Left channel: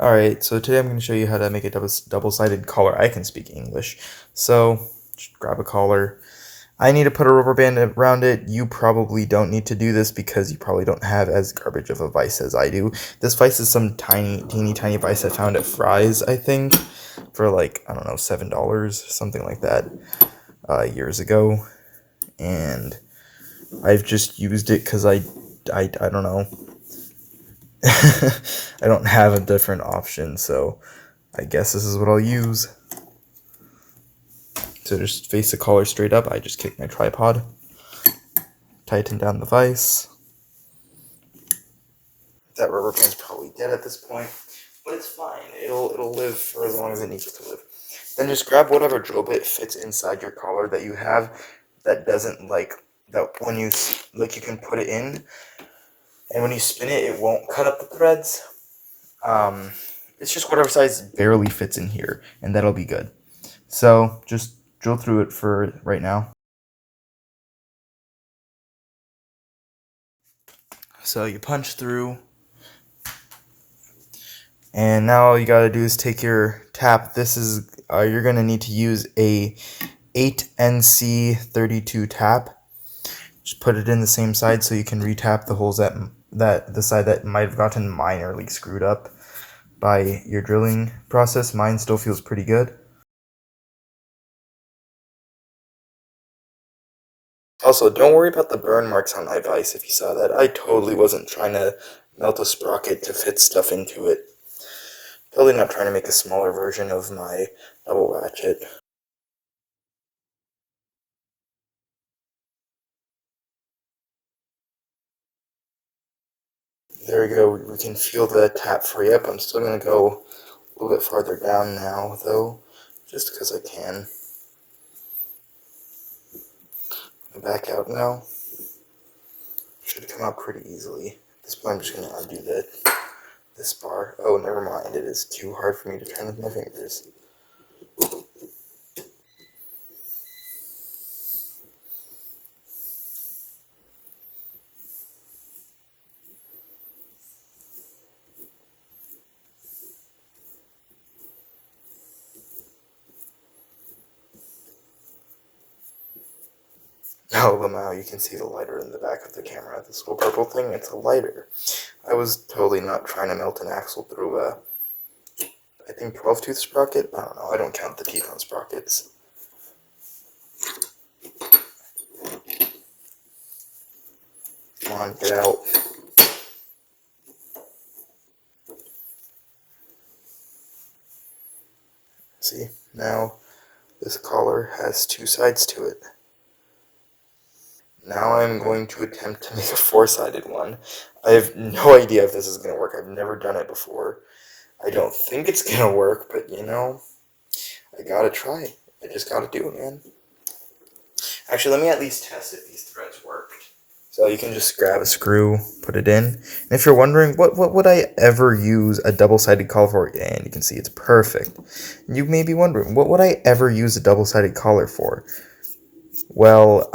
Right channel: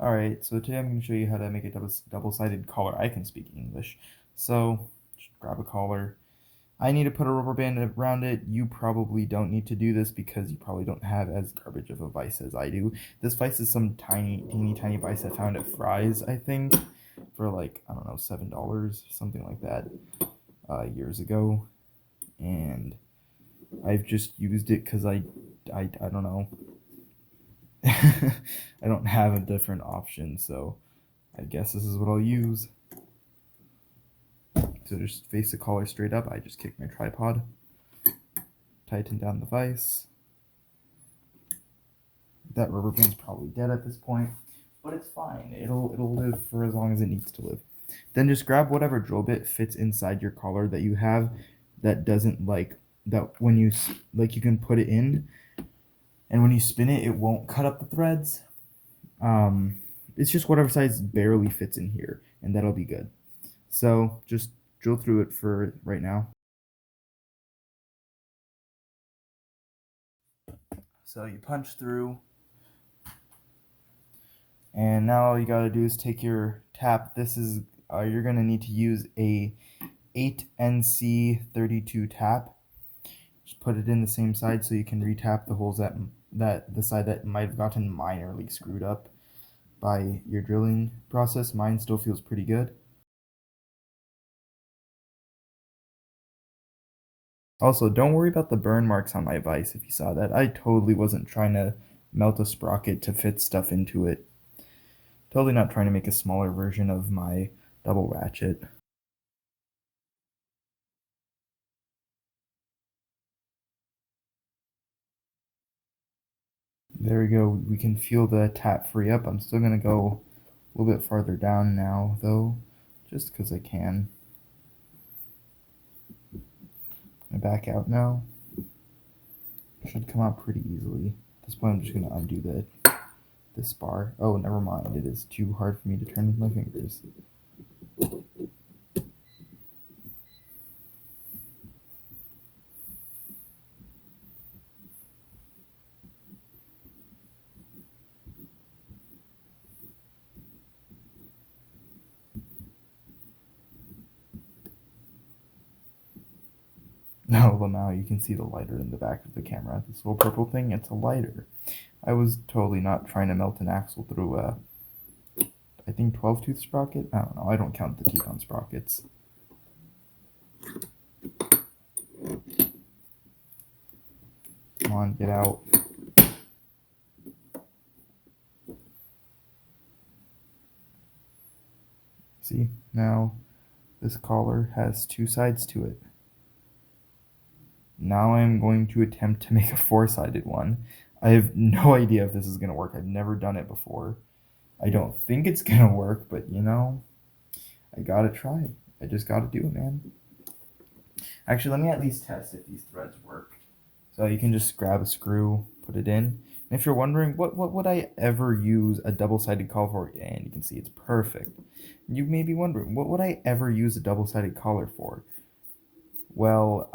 Alright, so today I'm going to show you how to make a double-sided collar. I can speak English. So, just grab a collar. I need to put a rubber band around it. You probably don't need to do this because you probably don't have as garbage of a vise as I do. This vise is some teeny tiny vise I found at Fry's, I think, for like, I don't know, $7, something like that, years ago. And I've just used it because I don't know. I don't have a different option, so I guess this is what I'll use. So just face the collar straight up. I just kicked my tripod, tighten down the vise. That rubber band's probably dead at this point, but it's fine. It'll live for as long as it needs to live. Then just grab whatever drill bit fits inside your collar that you have that doesn't that when you you can put it in, and when you spin it, it won't cut up the threads. It's just whatever size barely fits in here, and that'll be good. So just drill through it for right now. So you punch through, and now all you gotta do is take your tap. This is you're gonna need to use a 8NC32 tap. Just put it in the same side so you can retap the holes that the side that might have gotten minorly screwed up by your drilling process. Mine still feels pretty good. Also, don't worry about the burn marks on my vise if you saw that. I totally wasn't trying to melt a sprocket to fit stuff into it. Totally not trying to make a smaller version of my double ratchet. There we go. We can feel the tap free up. I'm still going to go a little bit farther down now, though, just because I can. Back out now. Should come out pretty easily. At this point, I'm just going to undo this bar. Oh, never mind. It is too hard for me to turn with my fingers. No, Lamau, you can see the lighter in the back of the camera. This little purple thing, it's a lighter. I was totally not trying to melt an axle through a, I think, 12-tooth sprocket? I don't know, I don't count the teeth on sprockets. Come on, get out. See, now this collar has two sides to it. Now I'm going to attempt to make a four-sided one. I have no idea if this is going to work. I've never done it before. I don't think it's going to work, but you know, I gotta try. I just gotta do it, man. Actually, let me at least test if these threads worked. So you can just grab a screw, put it in. And if you're wondering, what would I ever use a double-sided collar for? And you can see it's perfect. You may be wondering, what would I ever use a double-sided collar for? Well,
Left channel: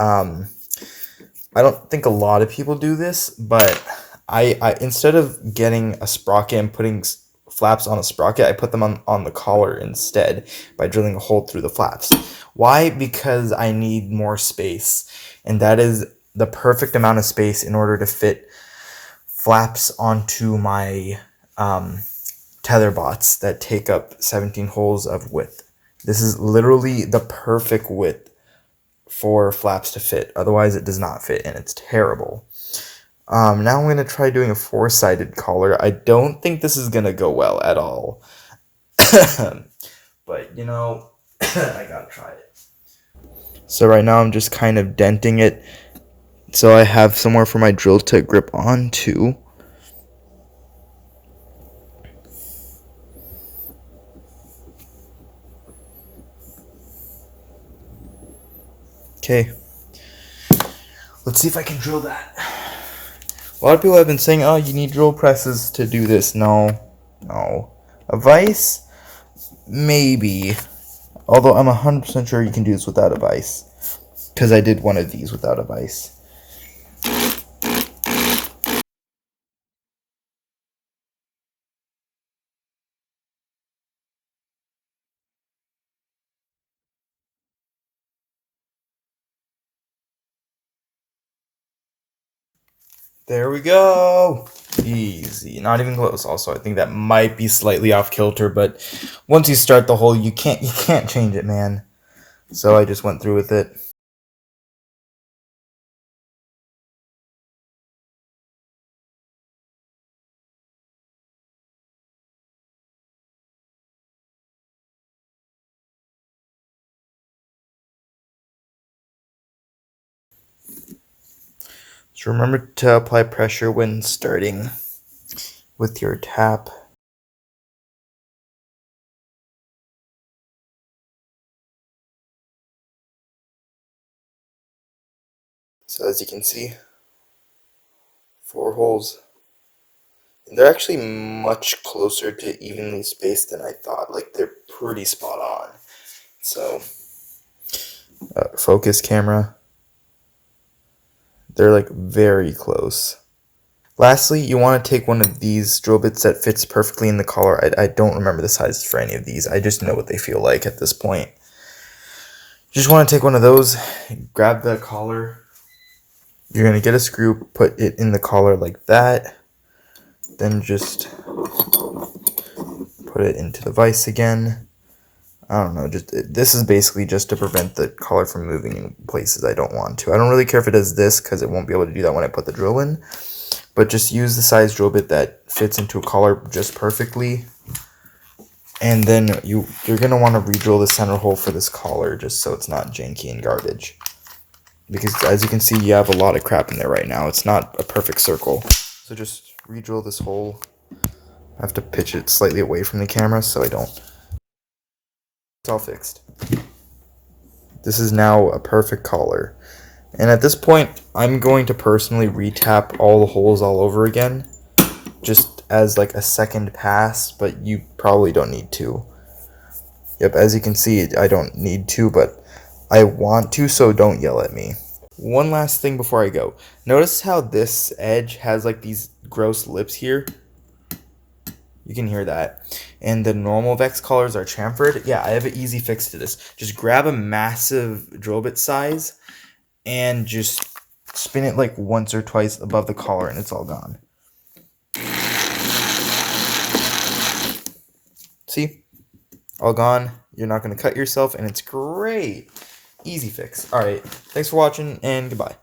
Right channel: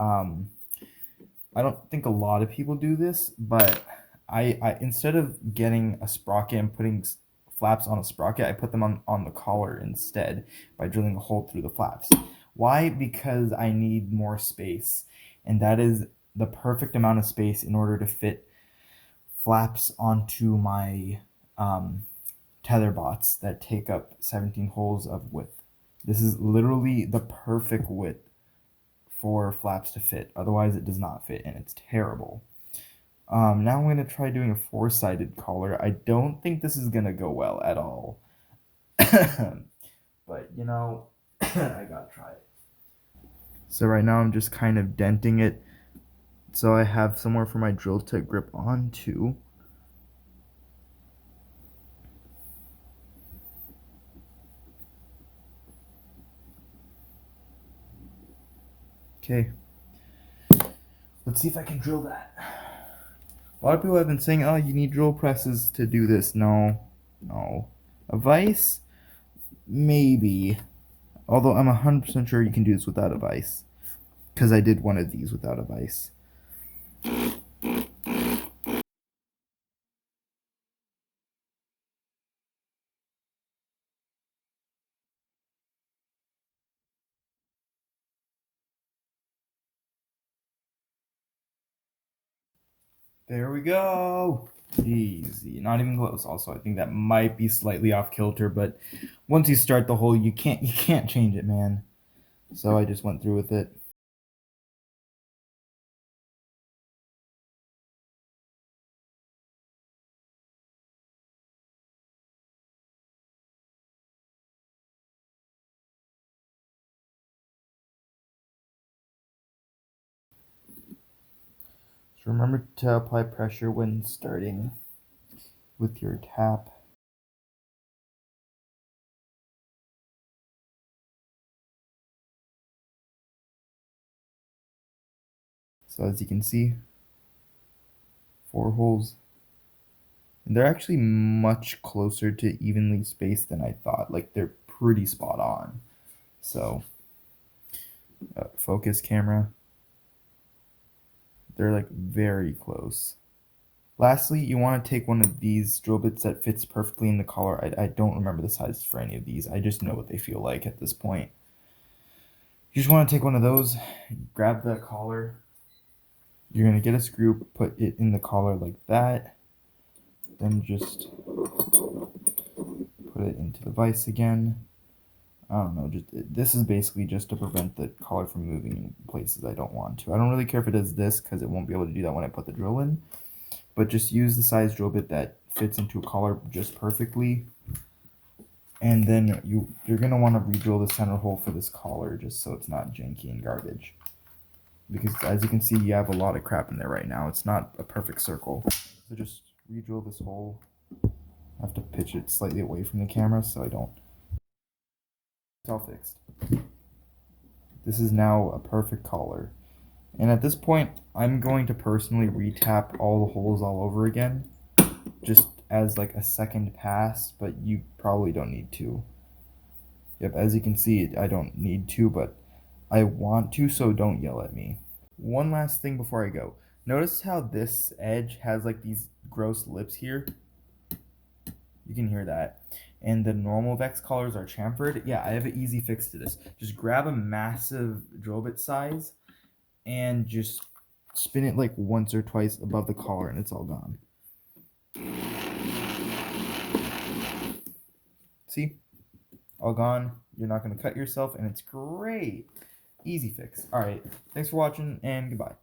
I don't think a lot of people do this, but I instead of getting a sprocket and putting flaps on a sprocket, I put them on the collar instead by drilling a hole through the flaps. Why? Because I need more space, and that is the perfect amount of space in order to fit flaps onto my tether bots that take up 17 holes of width. This is literally the perfect width for flaps to fit. Otherwise, it does not fit, and it's terrible. Now I'm going to try doing a four-sided collar. I don't think this is going to go well at all. But, you know, I gotta try it. So right now I'm just kind of denting it so I have somewhere for my drill to grip onto. Okay. Let's see if I can drill that. A lot of people have been saying, oh, you need drill presses to do this. No. A vise? Maybe. Although I'm 100% sure you can do this without a vise. Because I did one of these without a vise. There we go. Easy. Not even close. Also, I think that might be slightly off kilter, but once you start the hole, you can't change it, man. So I just went through with it. So remember to apply pressure when starting with your tap. So as you can see, 4 holes. And they're actually much closer to evenly spaced than I thought. Like they're pretty spot on. So focus camera. They're like very close. Lastly, you want to take one of these drill bits that fits perfectly in the collar. I don't remember the sizes for any of these. I just know what they feel like at this point. You just want to take one of those, grab the collar. You're going to get a screw, put it in the collar like that. Then just put it into the vise again. I don't know, this is basically just to prevent the collar from moving in places I don't want to. I don't really care if it does this because it won't be able to do that when I put the drill in. But just use the size drill bit that fits into a collar just perfectly. And then you're going to want to re-drill the center hole for this collar just so it's not janky and garbage. Because as you can see, you have a lot of crap in there right now. It's not a perfect circle. So just re-drill this hole. I have to pitch it slightly away from the camera so I don't. It's all fixed. This is now a perfect collar. And at this point, I'm going to personally re-tap all the holes all over again. Just as like a second pass, but you probably don't need to. Yep, as you can see, I don't need to, but I want to, so don't yell at me. One last thing before I go. Notice how this edge has like these gross lips here? You can hear that. And the normal VEX collars are chamfered. Yeah, I have an easy fix to this. Just grab a massive drill bit size and just spin it like once or twice above the collar and it's all gone. See? All gone. You're not going to cut yourself and it's great. Easy fix. Alright, thanks for watching and goodbye.